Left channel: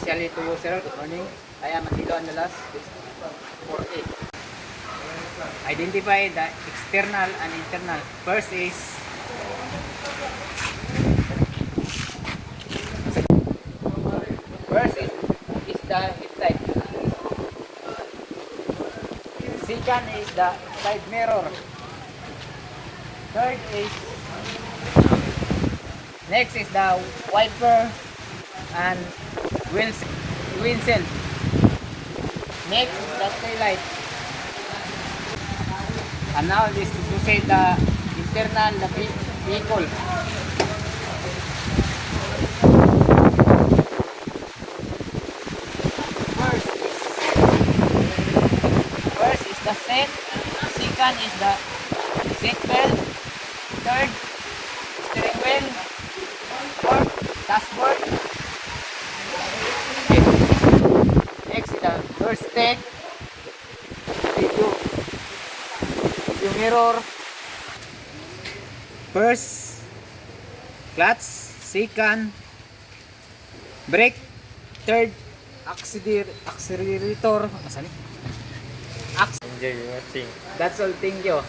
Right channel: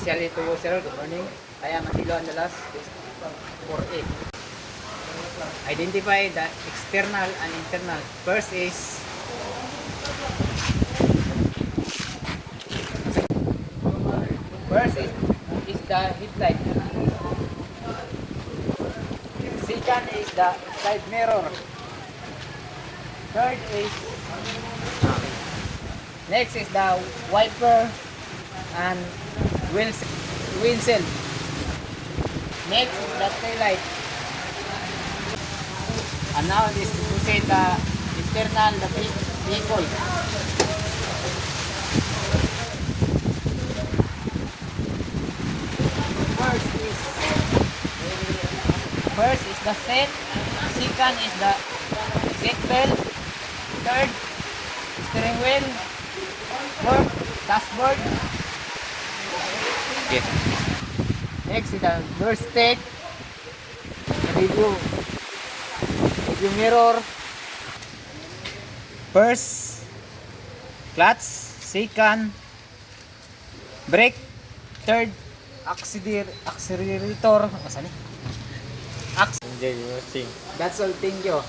especially to you, sir. Good morning. I am Atilo Andalas, 48. Identify the external and internal. First is the headlight. Second is the side mirror. Third is next is the wiper and windshield. Next is the taillight. And now this is to say the internal the vehicle. First is the seat. Second is the seat belt. Third, steering wheel. Fourth, dashboard. Okay. Next is the door stick. Review mirror. First, clutch. Second, brake. Third, accelerator. Okay, watching. That's all. Thank you.